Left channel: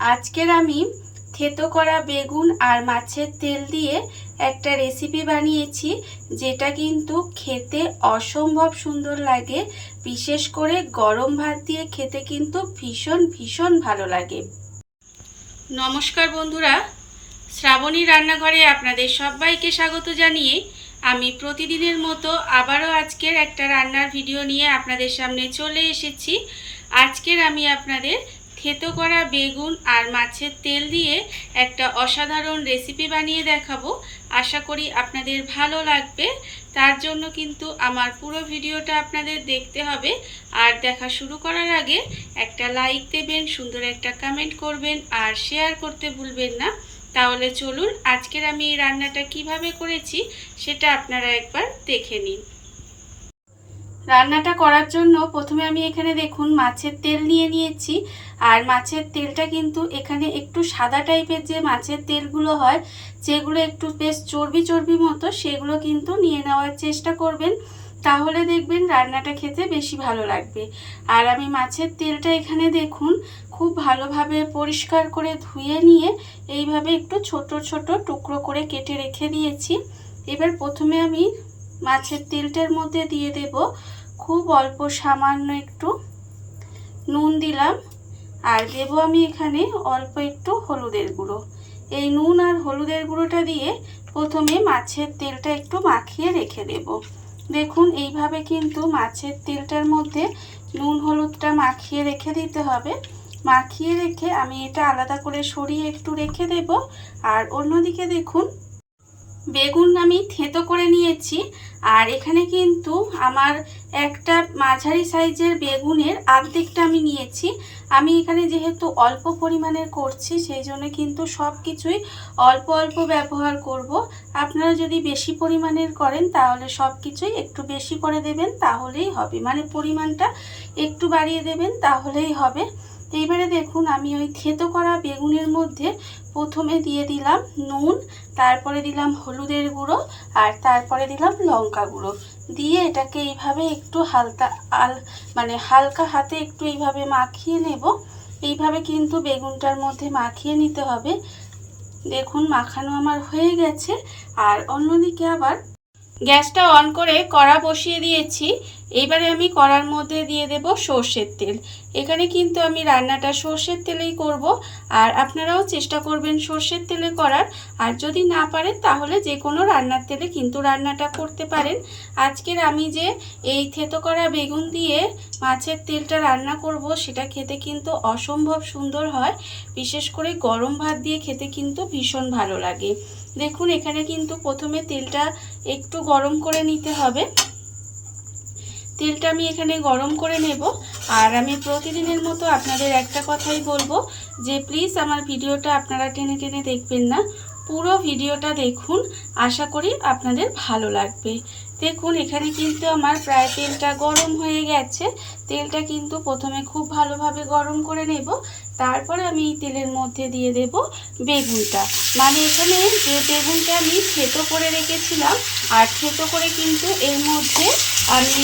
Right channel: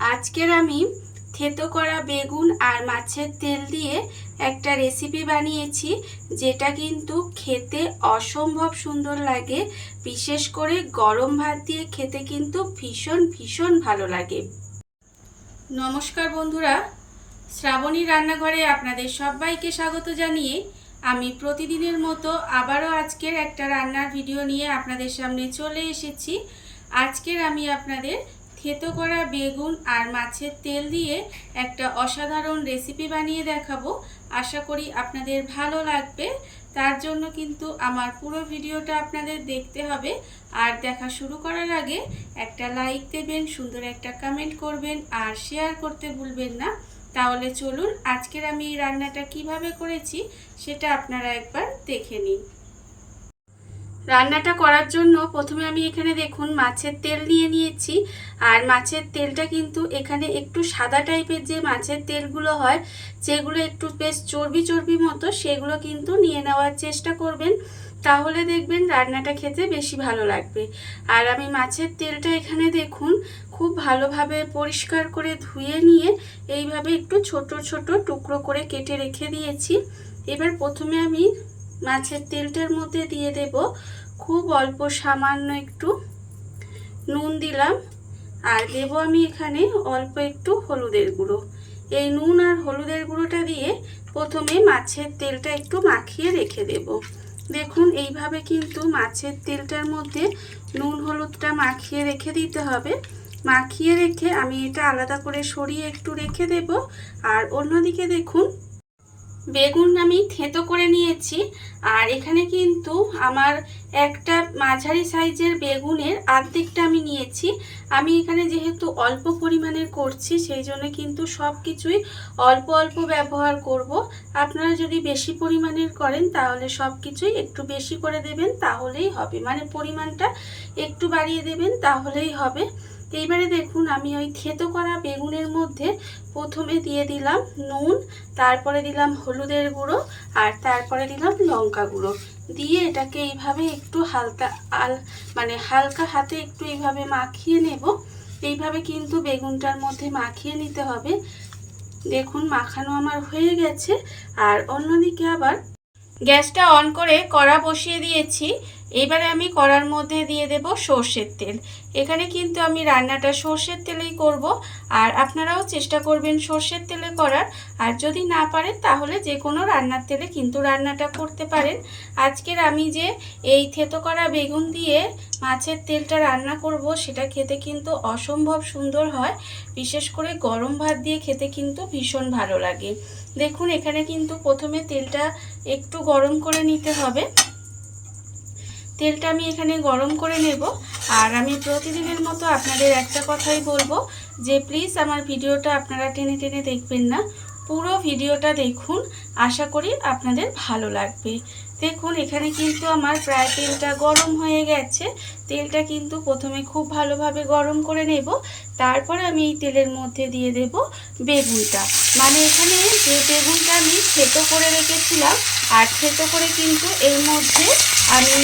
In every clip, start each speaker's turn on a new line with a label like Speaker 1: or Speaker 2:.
Speaker 1: আজকের আমি থেতো করা বেগুন আর মাছের তেল দিয়ে একটা রেসিপি বানিয়েছি, যেটা কিন্তু খেতে অসম্ভব সুন্দর লাগে। বিশেষ করে গরম ভাত দিয়ে খেতে কিন্তু ভীষণ ভীষণ ভালো লাগে। নমস্কার বন্ধুরা, শ্রাবণী রান্নাঘরে আপনাদের সবাইকে স্বাগত জানিয়ে আমি প্রতিদিনের মতো আবারও আজকের একটা রান্নার ভিডিও নিয়ে আপনাদের সামনে চলে এসেছি। আজকের আমি আপনাদের থেতো করা বেগুন আর মাছের তেল দিয়ে একটা অসাধারণ রেসিপি বানিয়ে দেখাবো। আশা করি আপনাদের ভালো লাগবে। তার জন্য কিন্তু আমার পুরো ভিডিওটা আপনাদের দেখতে হবে। আর দেখা শুরু করার আগে একটা লাইক দেবেন, সুন্দর একটা কমেন্ট করবেন আর শেয়ার করতে ভুলবেন না। তাহলে চলুন আজকের আমি এই রান্নাটা কীভাবে করেছি সেটা আপনারা একবার দেখে নিন। রান্নাটা করার জন্য প্রথমে আমি এখানে দেখুন মাছের তেল নিয়ে নিয়েছি। আর মাছের তেলটা কিন্তু এখানে একটু সাদা টাইপের যে মাছের তেলগুলো হয়, যেগুলো একটু বেশ চর্বি চর্বি মতো, সেগুলো কিন্তু নিয়ে নেওয়ার চেষ্টা করবেন। তাহলে দেখবেন রান্নাটা খেতে বেশি ভালো লাগবে। আর আমি মাছের তেলটা এখানে দেখুন খুব ভালোভাবে পরিষ্কার করে ধুয়ে নিয়ে এইভাবে একটু ছোট ছোট টুকরো করে কেটে রেখে দিয়েছি। এবার প্রথমে আমি মাছের তেলটার মধ্যে দিয়ে দেব। খুব অল্প সামান্য একটু নুন দিলাম। আর দেব আমি এখানে অল্প একটু হলুদের গুঁড়ো। এই নুন আর হলুদের গুঁড়োটা দিয়ে প্রথমে মাছের তেলটা একটু মাখিয়ে রেখে দেব। দেখুন, এইভাবে কিন্তু মাছের তেলটার মধ্যে নুন হলুদটা মাখিয়ে রেখে দিতে হবে। মাখিয়ে রেখে আমি এটা আলাদা করে সরিয়ে একটু রেখে দেব। আর অন্যদিকে দেখুন বেগুন আমি থেঁতো করে নিয়েছি। আর এখানে কিন্তু আমার একটা মাঝারি সাইজের বেগুনের আর্ধেকটা আমি নিয়েছি। আমি এখানে যেহেতু অল্প পরিমাণের করছি, সেই জন্য কিন্তু সব কিছুই অল্প অল্প ব্যবহার করব। আপনারা যদি বেশি পরিমাণের করেন, তাহলে সব কিছুই একটু বেশি করে দেবেন, তাহলেই হবে। মানে পরিমাণটা একটু বাড়িয়ে দেবেন, তাহলেই হবে। এইবারে দেখুন আমি ওই থেতো করা বেগুনের মধ্যে প্রথমে দিয়ে দিলাম নুন, তারপরে দিলাম হলুদের গুঁড়ো আর তারপরে দিলাম লঙ্কা গুঁড়ো। দিয়ে এটাকে এইভাবে একটু হালকা আল মানে হালকা হাতে একটু এইভাবে মাখিয়ে নেব। এইভাবে কিন্তু বেগুনটার মধ্যে মাখিয়ে নিতে হবে। দেখুন মাখানো আমার হয়ে গেছে। আর অন্যদিকে আবার গ্যাসটা অন করে কড়া বসিয়ে দিয়েছি। এইবারে আমি কড়ার মধ্যে দিয়ে দেব সর্ষের তেল। এখানে কিন্তু আমি রান্নাটা সর্ষের তেলেই করব। আর আপনারাও চেষ্টা করবেন সর্ষের তেলে করার। আর যদি না পারেন, তাহলে যে কোনো রান্নার তেলে কিন্তু রান্নাটা করতে পারেন। আজকের আমি যে এই থেতো করা বেগুন দিয়ে মাছের তেলটা রান্না করব, সেটা খেতে কিন্তু অসম্ভব সুন্দর হয়। বিশেষ করে গরম ভাত দিয়ে খেতে কিন্তু ভীষণ ভালো লাগে। দেখুন, এখানে কিন্তু প্রথমে তেলটা একটু গরম করে নিতে হবে। তেলটা আমি এখানে গরম করে নেব। আর আমি প্রতিদিনের মতো আপনাদের একটা কথাই বলব যে প্লিজ আমার ভিডিওটা আপনারা টেনে টেনে দেখবেন না। পুরো ভিডিওটা দেখুন, আশা করি আপনাদের ভালো লাগবে। দেখুন, এখানে কিন্তু আমার প্রায় তেলটা গরম হয়ে গেছে। তেলটা কিন্তু প্রথমে খুব ভালোভাবে গরম করে নেব। তারপরে আমি এই তেলের মধ্যে দিয়ে দেব বেগুনটা। মানে এখানে যে বেগুনটা আমি থেতো করে রেখেছিলাম, আর থেতো করে কিন্তু এর মধ্যে আমি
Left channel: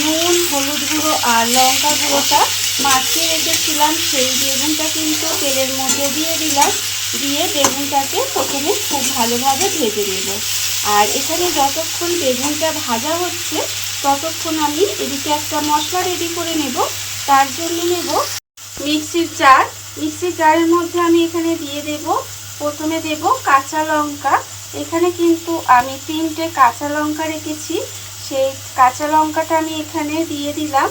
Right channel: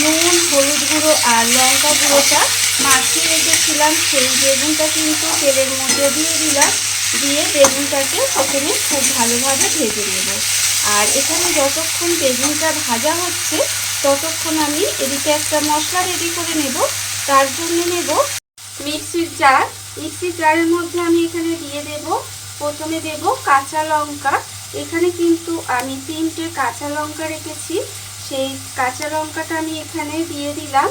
Speaker 1: নুন, হলুদ গুঁড়ো আর লঙ্কা গুঁড়োটা মাখিয়ে রেখেছিলাম। সেই বেগুনটা কিন্তু তেলের মধ্যে দিয়ে দিলাম। দিয়ে বেগুনটাকে প্রথমে খুব ভালোভাবে ভেজে নেব। আর এখানে যতক্ষণ বেগুনটা ভাজা হচ্ছে, ততক্ষণ আমি এদিকে একটা মশলা রেডি করে নেব। তার জন্য নেব মিক্সির জার। মিক্সির জারের মধ্যে আমি এখানে দিয়ে দেব। প্রথমে দেব কাঁচা লঙ্কা। এখানে কিন্তু আমি তিনটে কাঁচা লঙ্কা রেখেছি। সেই কাঁচা লঙ্কাটা আমি এখানে দিয়ে দিলাম।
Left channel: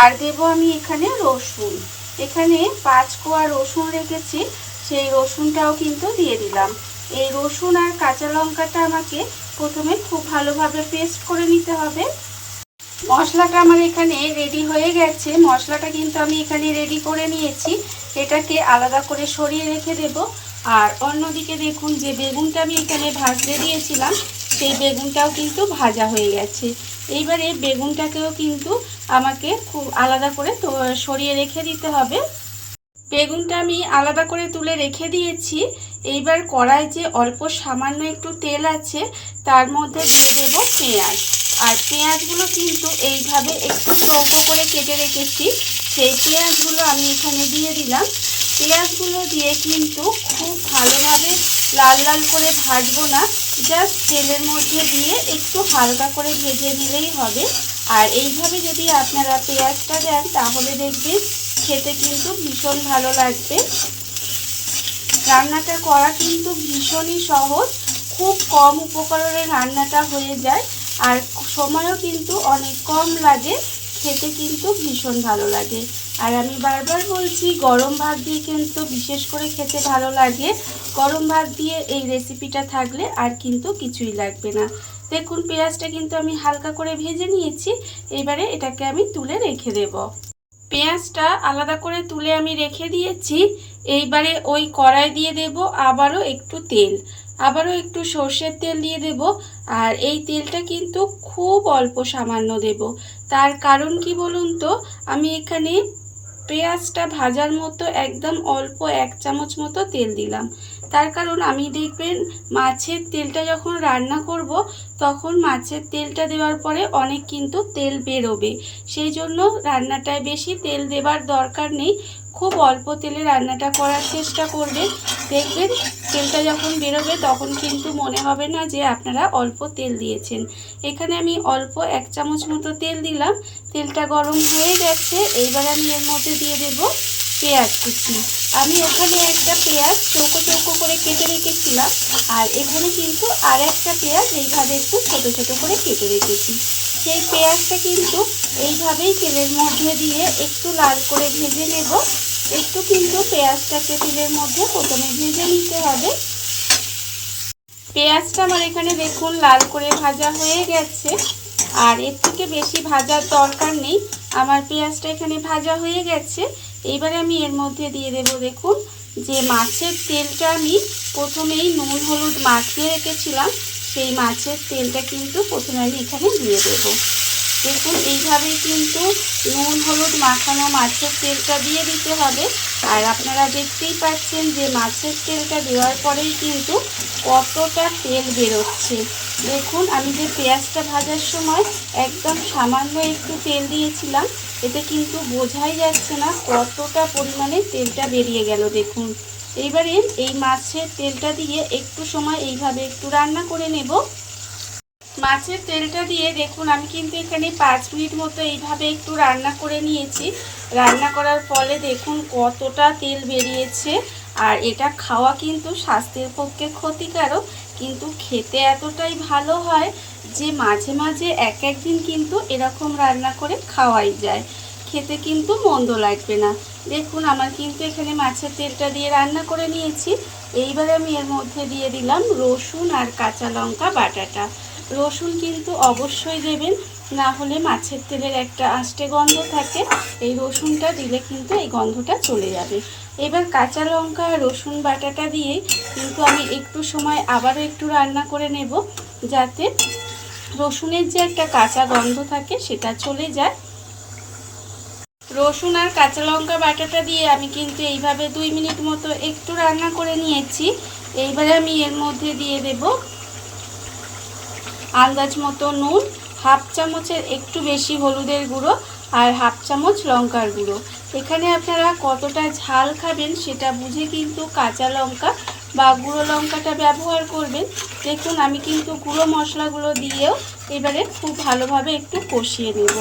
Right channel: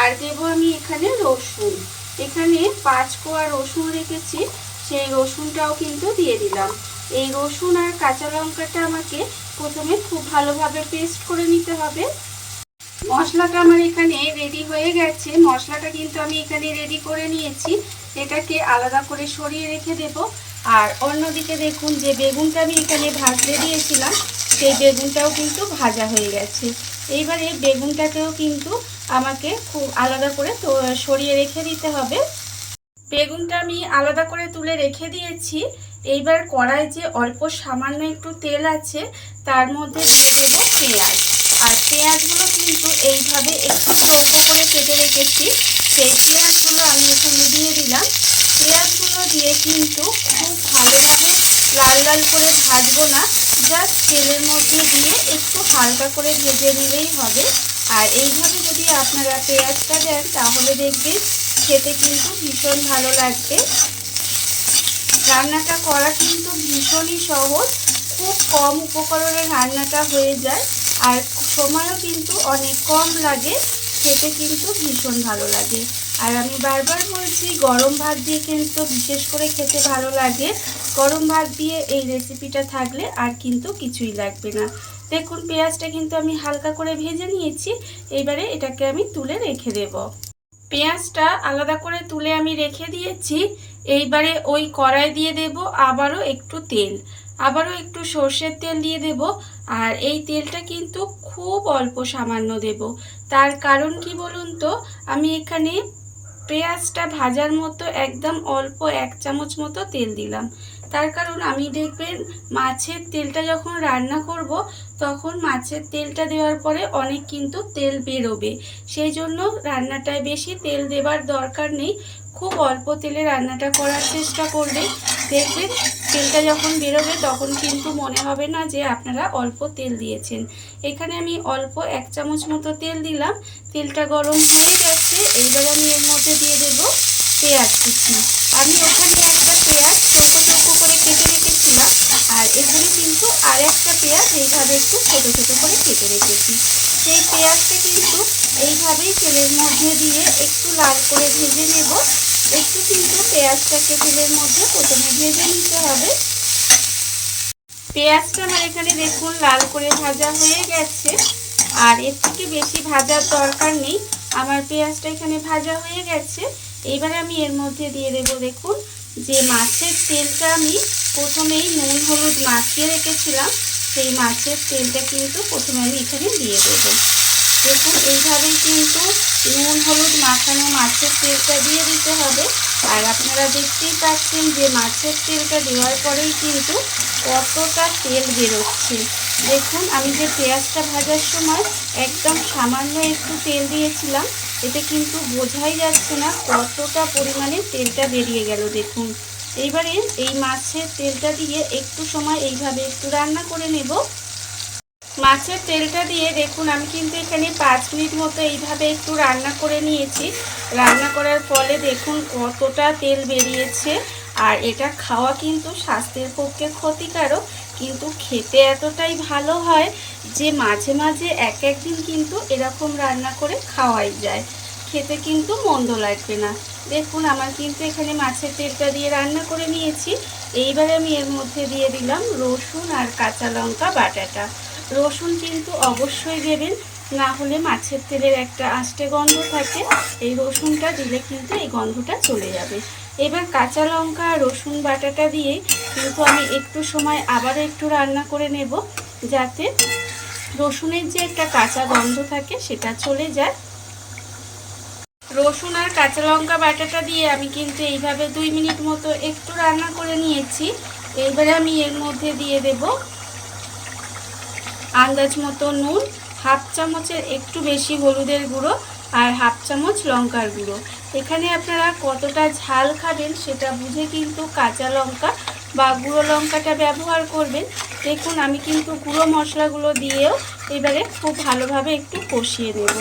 Speaker 1: আর দেব আমি এখানে রসুন। এখানে পাঁচ কোয়া রসুন রেখেছি, সেই রসুনটাও কিন্তু দিয়ে দিলাম। এই রসুন আর কাঁচা লঙ্কাটা আমাকে প্রথমে খুব ভালোভাবে পেস্ট করে নিতে হবে। মশলাটা আমার এখানে রেডি হয়ে গেছে। মশলাটা কিন্তু আমি এখানে রেডি করে নিয়েছি। এটাকে আলাদা করে সরিয়ে রেখে দেব। আর অন্যদিকে দেখুন যে বেগুনটা আমি এখানে ভাজতে দিয়েছিলাম সেই বেগুনটাও কিন্তু ভাজা হয়ে গেছে। এইবারে বেগুনটাকেও কিন্তু আমাকে খুব আলাদা করে তো, সরিয়ে রেখে দিতে হবে। বেগুনটা আমি আলাদা করে তুলে রেখে দিয়েছি। এইবার কড়াই যে অল্প সামান্য একটু তেল আছে, তার মধ্যে দিয়ে দেবো পেঁয়াজ। আর পেঁয়াজগুলো কিন্তু এইভাবে একটু চৌকো করে কেটে রেখেছি। সেই পেঁয়াজগুলো আমি এখানে দিয়ে দিলাম। পেঁয়াজগুলো দিয়ে কিন্তু খুব ভালোভাবে লাল লাল করে ভাজবো না। জাস্ট তেলের মধ্যে দিয়ে একটু হালকা করে ভেজে নিলেই হবে। আর এইভাবে যদি আপনারা পেঁয়াজটা দেন, তাহলে দেখবেন খেতে কিন্তু ভীষণ ভালো লাগবে। রান্নাটা করা কিন্তু ভীষণই সহজ। খুব কম উপকরণে রান্নাটা হয়ে যায়। আর সময়ও কিন্তু অনেক কম লাগে। খেতে কিন্তু ভীষণ ভালো লাগে। আর আমি বারবার বলছি, গরম ভাত দিয়ে কিন্তু বিশেষ করে খেতে ভালো লাগে। গরম ভাত দিয়ে এই রেসিপিটা থাকলে আর কিন্তু কিছুই লাগবে না। দেখুন, পেঁয়াজটা কিন্তু আমি হালকা করে ভেজে নিয়েছি। এবারে এটাকে আমি তুলে রেখে দেব। পেঁয়াজটা আলাদা করে তুলে আমি রেখে দিয়েছি। এইবারে ওই কড়াই দিয়ে দেব আবারও একটু তেল। আবারও একটু সর্ষের তেল দিয়ে দেব। আর এই তেলটা কিন্তু খুব অল্প সামান্য দেব। তার কারণ কি বলুন তো? আমি এখানে পেঁয়াজটা ভাজার মতো একদম অল্প এক চামচ মতো তেল দিলাম। তার কারণ আমি দেখবেন মাছের তেলটা যখন রান্না করব, তখন মাছের তেলটা দেওয়ার পরে অনেক কিন্তু তেল বেরোবে। সেই জন্য রান্নাটায় বেশি তেল দেবার দরকার নেই। খুব অল্প তেলে রান্নাটা করার চেষ্টা করবে। দেখবেন তেলটা যখন বেরোবে তখন কিন্তু মনে হবে না যে আপনারা অল্প তেল দিয়েছেন। এখানে আমি অল্প এক চামচ মতো তেল দিলাম। তেলটা গরম হয়ে গেছে। এইবার আমি এর মধ্যে দিয়ে দেব পেঁয়াজ কুচি। আমি ওখানে একটা পেঁয়াজ চৌকো চৌকো করে কেটে রেখেছিলাম। আর এখানে কিন্তু আর একটা পেঁয়াজ এইভাবে একটু ছোটো ছোটো করে কেটে রেখেছি। সেই পেঁয়াজটা কিন্তু এইভাবেই তেলের মধ্যে দিয়ে একটু লাল করে ভেজে নেব। একটু কিন্তু পেঁয়াজটাকে তেলের মধ্যে প্রথমে ভেজে নিতে হবে। পেঁয়াজটা আমার এখানে দেখুন লাল করে ভাজা হয়ে গেছে। আর এর থেকে বেশি ভাজার দরকার নেই। আমার পেঁয়াজটা এখানে ভাজা হয়ে গেছে। এইবার আমি এর মধ্যে দিয়ে দেব দেখুন যে মাছের তেলটা আমি প্রথমেই নুন, হলুদ মাখিয়ে রেখেছিলাম। সেই মাছের তেলটা কিন্তু প্রথমে আমি এখানে দিয়ে দেব। দেখুন, এইভাবেই কিন্তু নুন, হলুদ মাখানো মাছের তেলটা দিয়ে দিতে হবে। আর আপনারা দেখতেই পাচ্ছেন যে মাছের তেলটা দেওয়ার পরেই কিন্তু কতটা তেল বেরোচ্ছে। দেখুন, আমি যে পেঁয়াজটা ভাজার সময় একদম সামান্য একটু তেল দিয়েছিলাম, এতে কিন্তু বোঝাই যাচ্ছে না কতটা পরিমাণে তেলটা বেরিয়ে গেল। দেখুন, এইবারে এই মাছের তেলটা দিয়ে একটু সময় এইভাবে একটু রান্না করে নেব। মাছের তেলটা দিয়ে দেখুন, আমি কিন্তু এখানে পাঁচ মিনিট মতো এইভাবে একটু রান্না করে নিয়েছি। রান্না করার ফলে দেখুন কতটা তেল বেরিয়েছে। আর এটা খাওয়া কিন্তু স্বাস্থ্যের পক্ষে ক্ষতিকারক, কিন্তু খেতে এতটাই ভালো হয় যে মাঝে মাঝে এক একদিন কিন্তু এরকম রান্না করে খাওয়াই যায়। খেতে কিন্তু মন্দ লাগবে না। দেখুন, আমার কিন্তু এখানে মাছের তেলটা দিয়ে রান্না করে নিয়েছি। এইবারে আমি এর মধ্যে দিয়ে দিলাম রসুন আর কাঁচা লঙ্কা বাটাটা। রসুন কিন্তু অবশ্যই দেবেন। না হলে মাছের তেলের একটা আষ্টে গন্ধ থাকে। এই রসুনটা দিলে কিন্তু এই গন্ধটা চলে যাবে। এবার কাঁচা লঙ্কা রসুন বাটাটা দিয়ে কিন্তু আমি একটু সময় আবারও একটু রান্না করে নেব, যাতে রসুনের যে একটা কাঁচা গন্ধ থাকে সেটা চলে যায়। রসুন আর কাঁচা লঙ্কা বাটাটা দিয়ে আমি কিন্তু এইভাবে দুই মিনিট মতো একটু রান্না করে নিয়েছি। এইবারে আমি এর মধ্যে দিয়ে দেব আন্দাজ মতো নুন, হাফ চামচের একটু বেশি হলুদের গুঁড়ো আর হাফ চামচ লঙ্কার গুঁড়ো। এখানে আপনারা কতটা ঝাল খাবেন সেটা বুঝে কিন্তু কাঁচা লঙ্কা বা গুঁড়ো লঙ্কাটা ব্যবহার করবেন। দেখুন, আমি কিন্তু গুঁড়ো মশলাগুলো দিয়েও এবারে খুব ভালোভাবে একটু কষিয়ে নেব।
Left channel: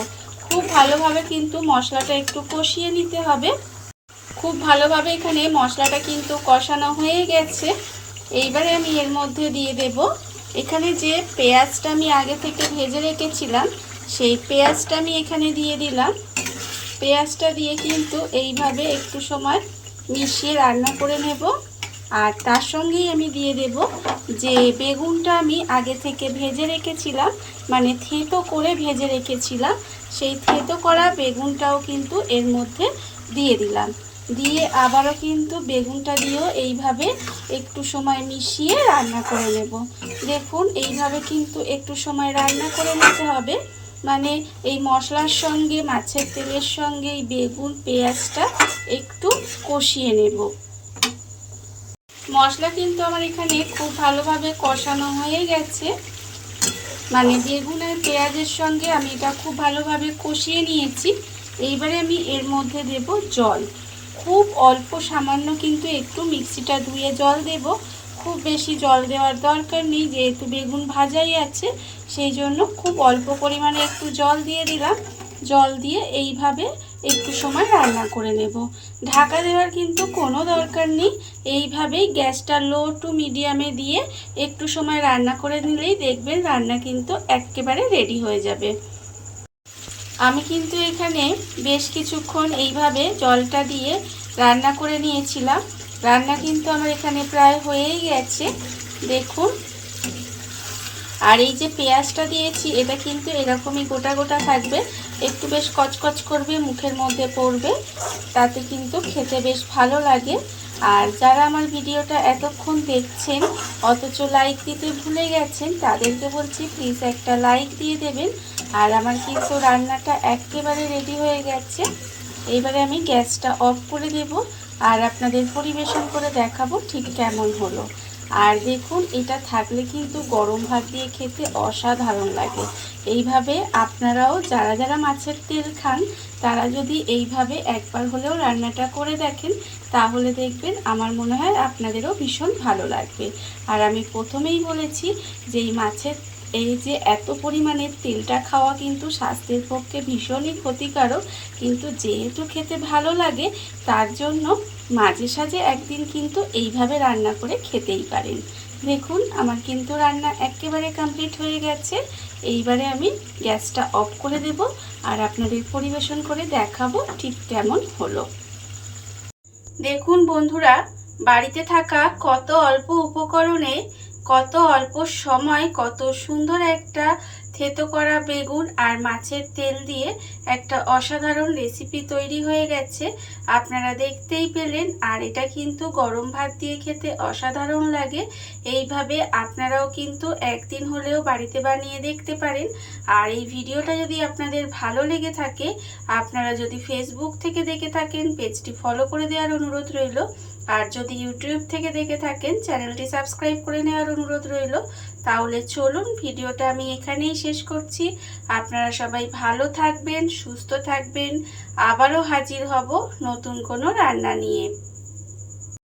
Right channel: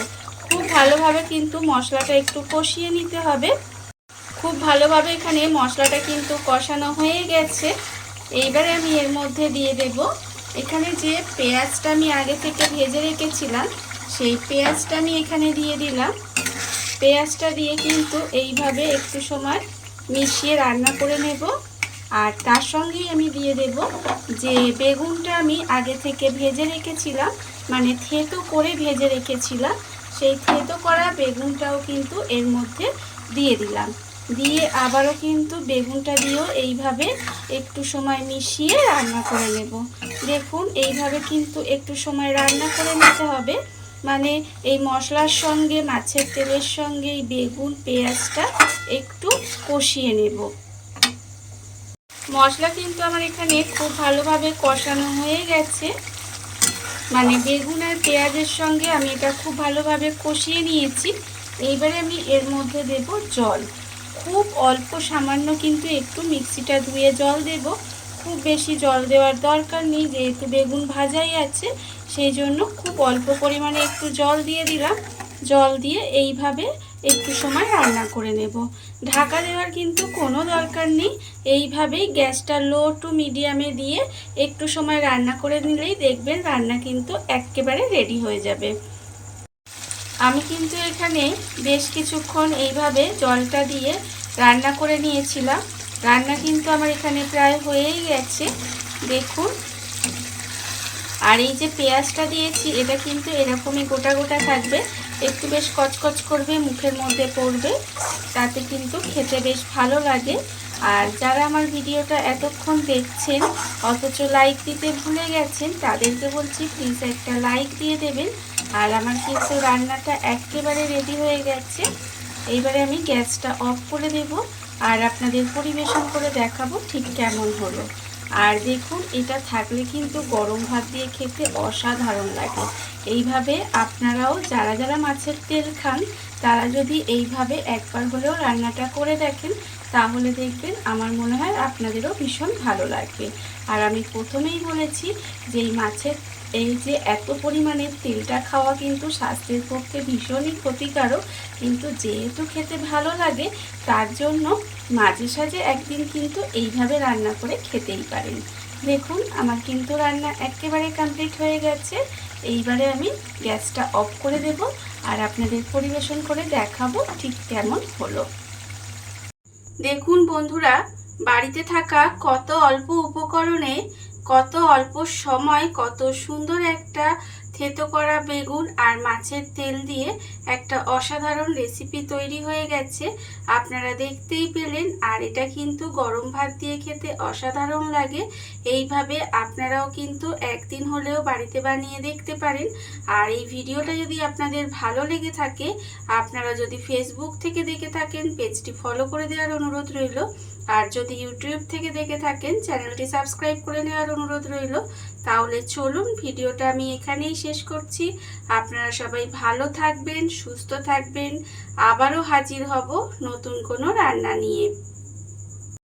Speaker 1: খুব ভালোভাবে কিন্তু মশলাটা একটু কষিয়ে নিতে হবে। খুব ভালোভাবে এখানে মশলাটা কিন্তু কষানো হয়ে গেছে। এইবারে আমি এর মধ্যে দিয়ে দেব এখানে যে পেঁয়াজটা আমি আগে থেকে ভেজে রেখেছিলাম, সেই পেঁয়াজটা আমি এখানে দিয়ে দিলাম। পেঁয়াজটা দিয়ে কিন্তু এইভাবে একটু সময় মিশিয়ে রান্না করে নেব। আর তার সঙ্গেই আমি দিয়ে দেব যে বেগুনটা আমি আগে থেকে ভেজে রেখেছিলাম মানে থেতো করে ভেজে রেখেছিলাম, সেই থেতো করা বেগুনটাও কিন্তু এর মধ্যে দিয়ে দিলাম। দিয়ে আবারও কিন্তু বেগুনটা দিয়েও এইভাবে একটু সময় মিশিয়ে রান্না করে নেব। দেখুন, এইভাবে কিন্তু একটু সময় রান্না করে নিতে হবে। মানে এই মশলার সঙ্গে, মাছের তেলের সঙ্গে এই বেগুন, পেঁয়াজটা একটু কষিয়ে নেব। মশলা কিন্তু আমার এখানে খুব ভালোভাবে কষানো হয়ে গেছে। মানে বেগুন আর পেঁয়াজের সঙ্গে আমি এটা খুব ভালোভাবে কষিয়ে নিয়েছি। এইবারে আমি এর মধ্যে দেব জল। খুব অল্প সামান্য কিন্তু একটু মিক্সিটা ধুয়ে জল দেব। খুব বেশি জল দেওয়ার দরকার নেই, যেহেতু বেগুন ভাজাই আছে, সেই জন্য খুব অল্প পরিমাণে একটু জল দিয়ে দিলাম। জল দিয়ে এইভাবে একটু সময় রান্না করে নেব। ঢাকা দেওয়ার কিন্তু কোনো দরকার নেই। এইভাবেই গ্যাসটা লো টু মিডিয়ামে দিয়ে একটু সময় রান্না করে নিলেই দেখবেন রান্না কিন্তু একেবারে রেডি হয়ে যাবে। আমি কিন্তু এখানে বেশ কিছুক্ষণ এইভাবে জলটা দিয়ে রান্না করে নিয়েছিলাম। রান্না কিন্তু আমার এখানে প্রায় হয়েই গেছে, দেখুন। আর এই যে পেঁয়াজটা দিয়েছি, এটা কিন্তু এরকমই গোটা গোটা থাকবে। একটু বেশ কচকচ করবে, মুখের মধ্যে পড়বে, তাতে কিন্তু খেতে বেশ ভালো লাগে। আর যারা আমার ভিডিওটা এতক্ষণ দেখছেন, অথচ লাইক দিতে ভুলে গেছেন, তাদেরকে বলছি প্লিজ একটা লাইক দিয়ে দেবেন। আর আমার কিন্তু রান্নাটা একেবারে রেডি হয়ে গেছে। এইবারে আমি গ্যাসটা অফ করে দেব আর আপনাদের পরিবেশন করে দেখাবো ঠিক কেমন হলো। আর দেখুন, এটা থাকলে কিন্তু গরম ভাত দিয়ে খেতে অসাধারণ লাগে। এইভাবে আপনারাও যারা যারা মাছের তেল খান, তারা যদি এইভাবে একবার হলেও রান্নাটা করে দেখেন, তাহলে দেখবেন আমার মনে হয় আপনাদেরও ভীষণ ভালো লাগবে। আর আমি প্রথমেই বলেছি যে এই মাছের এই যে এত পরিমাণে তেলটা খাওয়া কিন্তু স্বাস্থ্যের পক্ষে ভীষণই ক্ষতিকারক, কিন্তু যেহেতু খেতে ভালো লাগে, তার জন্য মাঝে সাঝে একদিন কিন্তু এইভাবে রান্না করে খেতেই পারেন। দেখুন, আমার কিন্তু রান্না একেবারে কমপ্লিট হয়ে গেছে। এইবারে আমি গ্যাসটা অফ করে দেব আর আপনাদের পরিবেশন করে দেখাবো ঠিক কেমন হলো। দেখুন বন্ধুরা, বাড়িতে থাকা কত অল্প উপকরণে কত অল্প সময় কত সুন্দর একটা থেতো করা বেগুন আর মাছের তেল দিয়ে একটা অসাধারণ রেসিপি তৈরি হয়ে গেছে। আপনারা দেখতেই পেলেন আর এটা কিন্তু গরম ভাত দিয়ে খেতে অসাধারণ লাগে। এইভাবে আপনারাও কিন্তু একদিন হলেও বাড়িতে বানিয়ে দেখতে পারেন। আর এই ভিডিওটা যদি আপনাদের ভালো লেগে থাকে, আপনারা যদি ফেসবুক থেকে দেখে থাকেন, পেজটি ফলো করে দেওয়ার অনুরোধ রইল। আর যদি ইউটিউব থেকে দেখে থাকেন, চ্যানেলটি সাবস্ক্রাইব করে নেওয়ার অনুরোধ রইল। তাহলে চলুন ভিডিওটা আমি এখানেই শেষ করছি। আপনারা সবাই ভালো থাকবেন, সুস্থ থাকবেন। আবারও হাজির হব নতুন কোনো রান্না নিয়ে।